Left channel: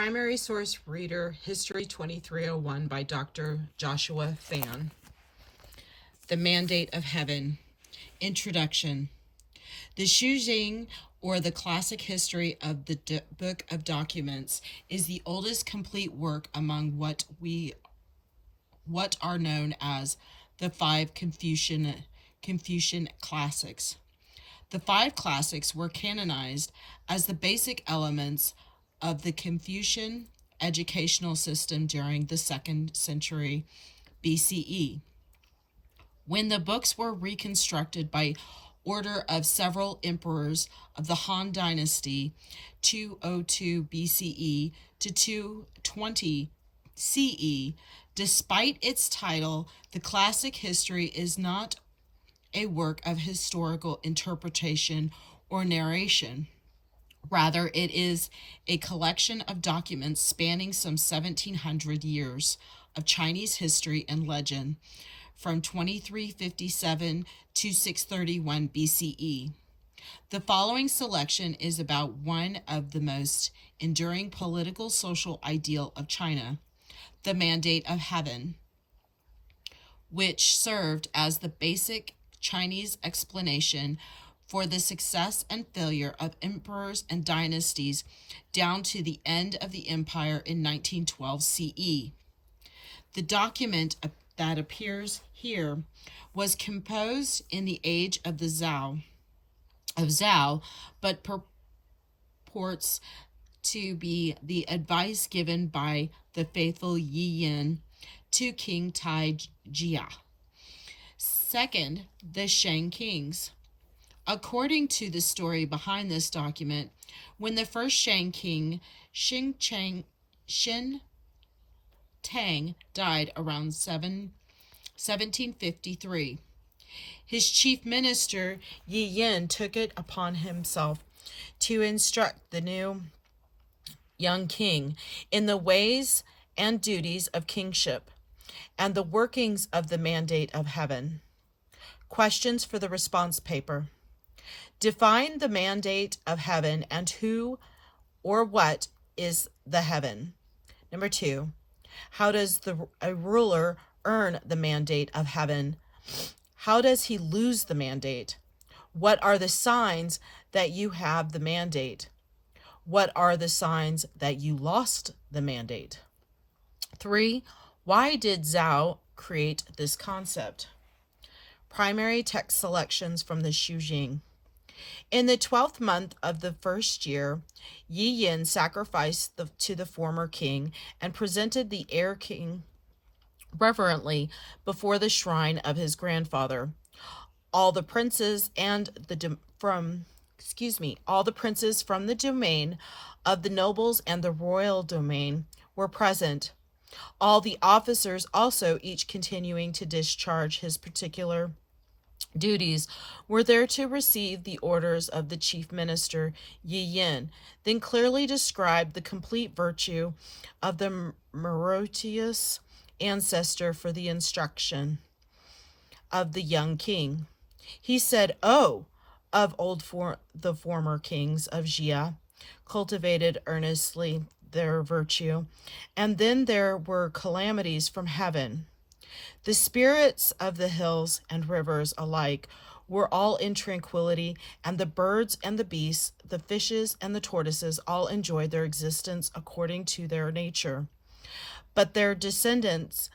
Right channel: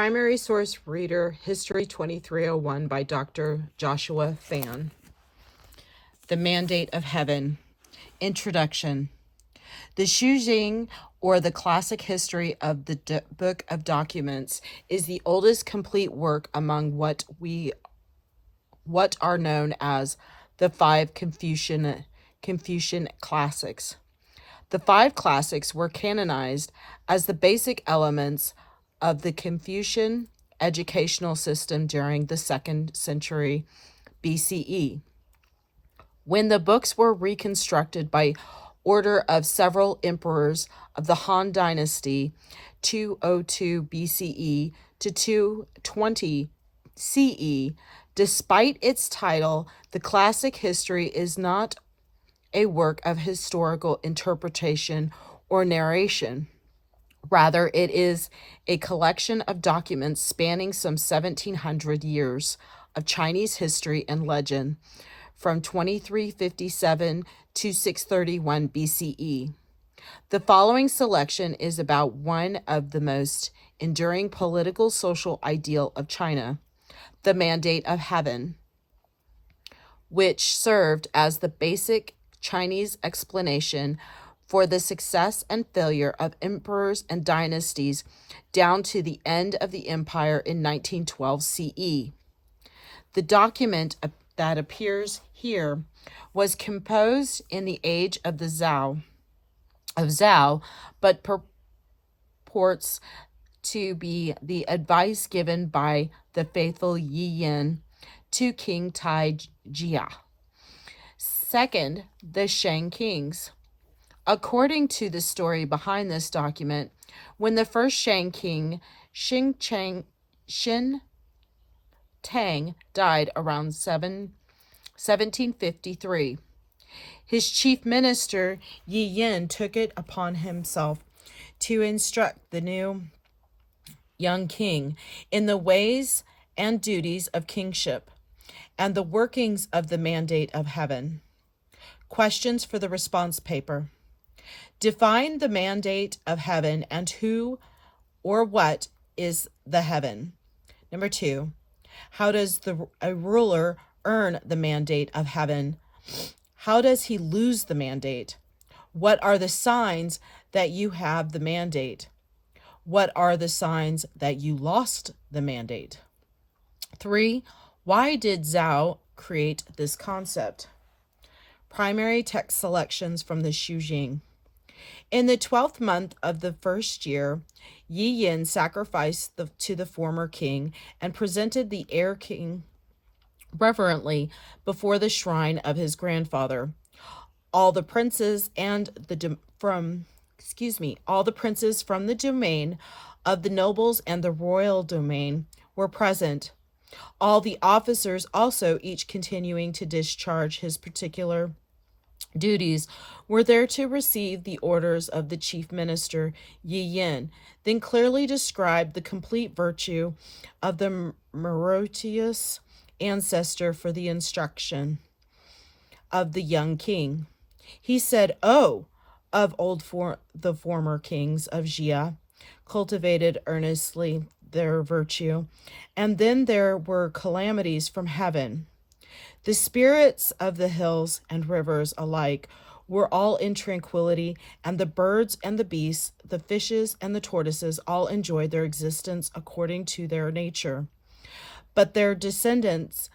Primary source reader, History 2301 by Dr. Joshua Fan. The Mandate of Heaven. Introduction. The Shujing, or the classic history of the Book of Documents, is the oldest complete work among what are known as the five Confucian classics. The five classics were canonized as the basic elements of the Confucian educational system during the 2nd century BCE. When the books were reconstructed by order of several emperors of the Han Dynasty, 202 BCE to 220 CE, despite its title, the classic history is not a work of historical interpretation or narration. Rather, it is a collection of documents spanning some 1,700 years of Chinese history and legend, from 2357 to 631 BCE. The following selection is about one of the most enduring political social ideal of China, the Mandate of Heaven, which served as the basic Chinese explanation for the success and failure of emperors and dynasties down to the end of the empire in 1912 CE. The document that appears here was composed in the age of the Zhao, but purports to be the advice given by the faithful Yi Yin to King Tai Jia. Second, the Shang Kings. According to the story behind this document, when the first Shang king, Xin Tang, died around 1753, his chief minister, Yi Yin, took it upon himself to instruct the new young king in the ways and duties of kingship and the workings of the Mandate of Heaven. Questions for the response paper. Define the Mandate of Heaven and who or what is the heaven. Number 2, how does a ruler earn the Mandate of Heaven? How does he lose the mandate? What are the signs that you have the mandate? What are the signs that you lost the mandate? 3, why did Zhao create this concept? Primary text selections from the Shujing. In the 12th month of the first year, Yi Yin sacrificed to the former king and presented the heir king reverently before the shrine of his grandfather. All the princes from the domain of the nobles and the royal domain were present. All the officers also, each continuing to discharge his particular duties, were there to receive the orders of the chief minister, Yi Yin, then clearly described the complete virtue of the meritorious ancestor for the instruction of the young king. He said, "Oh, of the former kings of Jia, cultivated earnestly their virtue, and then there were calamities from heaven. The spirits of the hills and rivers alike were all in tranquility, and the birds and the beasts, the fishes and the tortoises all enjoyed their existence according to their nature. But their descendants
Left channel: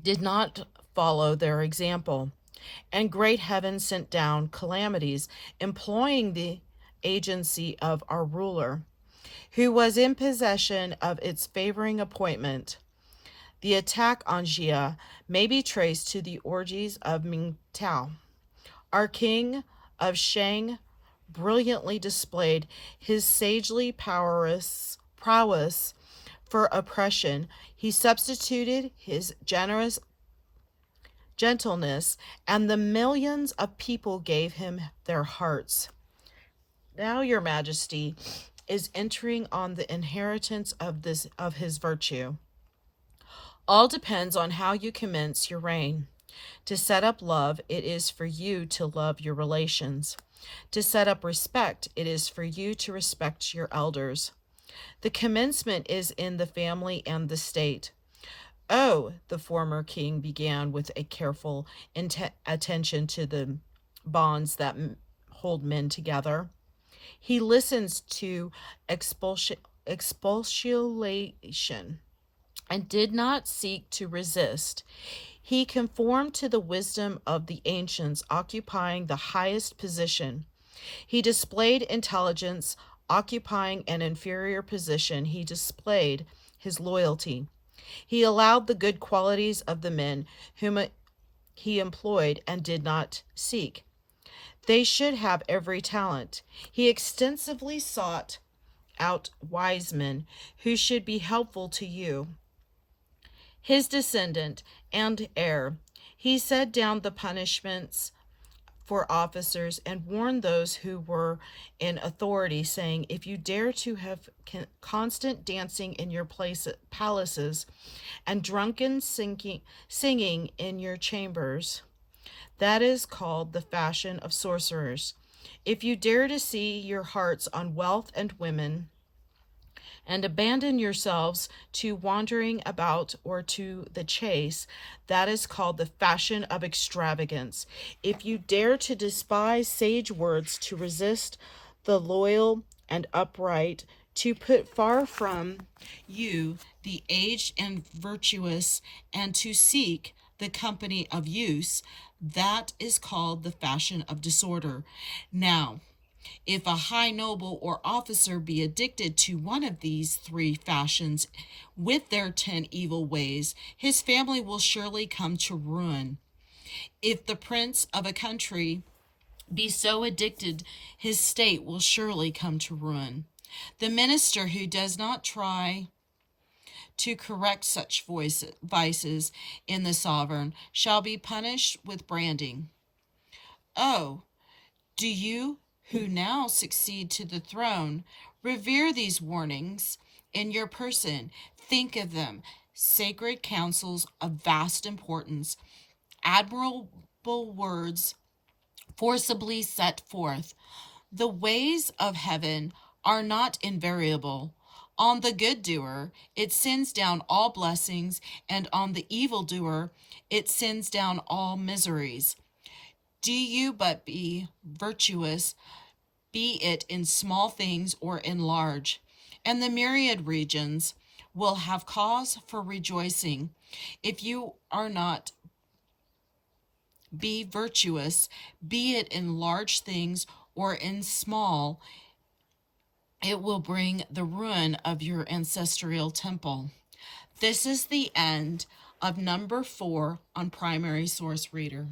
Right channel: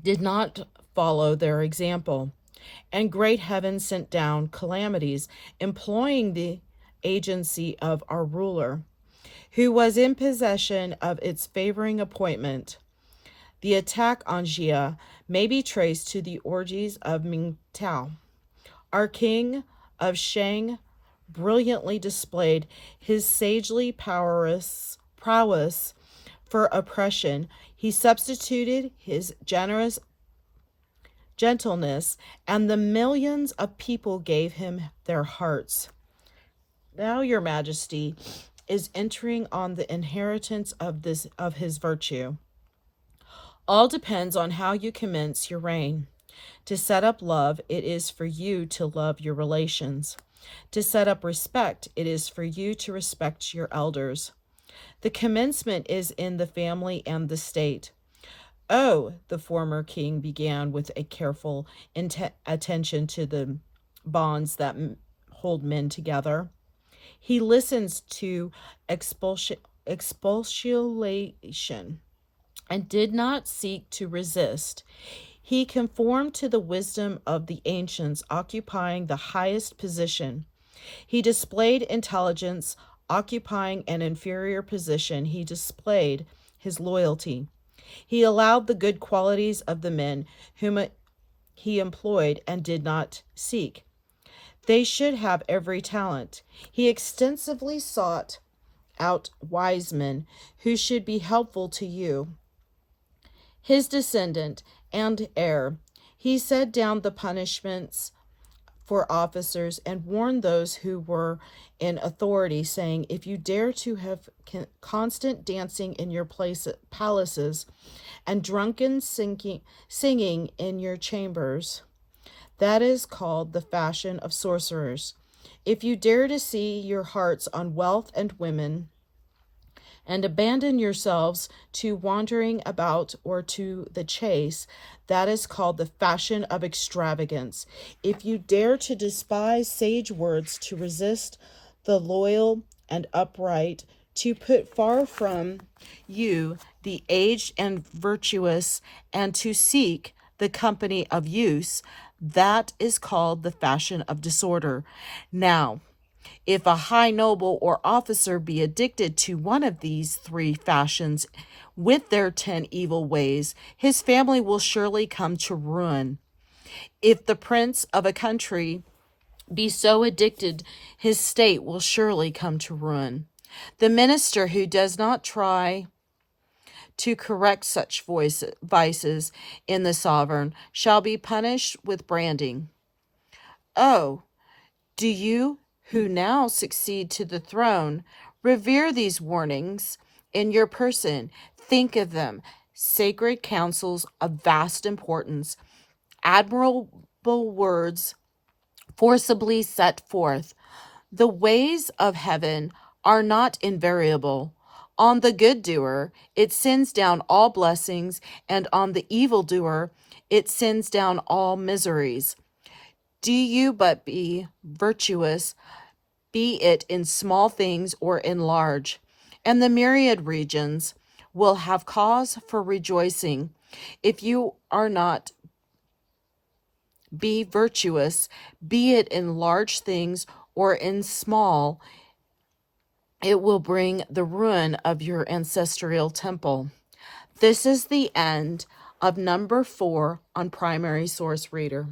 did not follow their example, and great heaven sent down calamities, employing the agency of our ruler, who was in possession of its favoring appointment. The attack on Jia may be traced to the orgies of Mingtao. Our king of Shang brilliantly displayed his sagely prowess for oppression. He substituted his generous gentleness, and the millions of people gave him their hearts. Now, your majesty is entering on the inheritance of his virtue. All depends on how you commence your reign. To set up love, it is for you to love your relations. To set up respect, it is for you to respect your elders. The commencement is in the family and the state. Oh, the former king began with a careful attention to the bonds that hold men together. He listens to expostulation and did not seek to resist. He conformed to the wisdom of the ancients, occupying the highest position. He displayed intelligence, occupying an inferior position. He displayed his loyalty. He allowed the good qualities of the men whom he employed and did not seek. They should have every talent. He extensively sought out wise men who should be helpful to you, his descendant and heir. He set down the punishments for officers and warned those who were in authority, saying, if you dare to have constant dancing in your palaces and drunken singing in your chambers, that is called the fashion of sorcerers. If you dare to see your hearts on wealth and women, and abandon yourselves to wandering about or to the chase, that is called the fashion of extravagance. If you dare to despise sage words, to resist the loyal and upright, to put far from you the aged and virtuous, and to seek the company of use, that is called the fashion of disorder. Now, if a high noble or officer be addicted to one of these three fashions with their 10 evil ways, his family will surely come to ruin. If the prince of a country be so addicted, his state will surely come to ruin. The minister who does not try to correct such vices in the sovereign shall be punished with branding. Oh, do you, who now succeed to the throne, revere these warnings in your person? Think of them, sacred counsels of vast importance, admirable words forcibly set forth. The ways of heaven are not invariable. On the good doer, it sends down all blessings, and on the evildoer, it sends down all miseries. Do you but be virtuous, be it in small things or in large, and the myriad regions will have cause for rejoicing. If you are not, be virtuous, be it in large things or in small, it will bring the ruin of your ancestral temple. This is the end of number 4 on Primary Source Reader.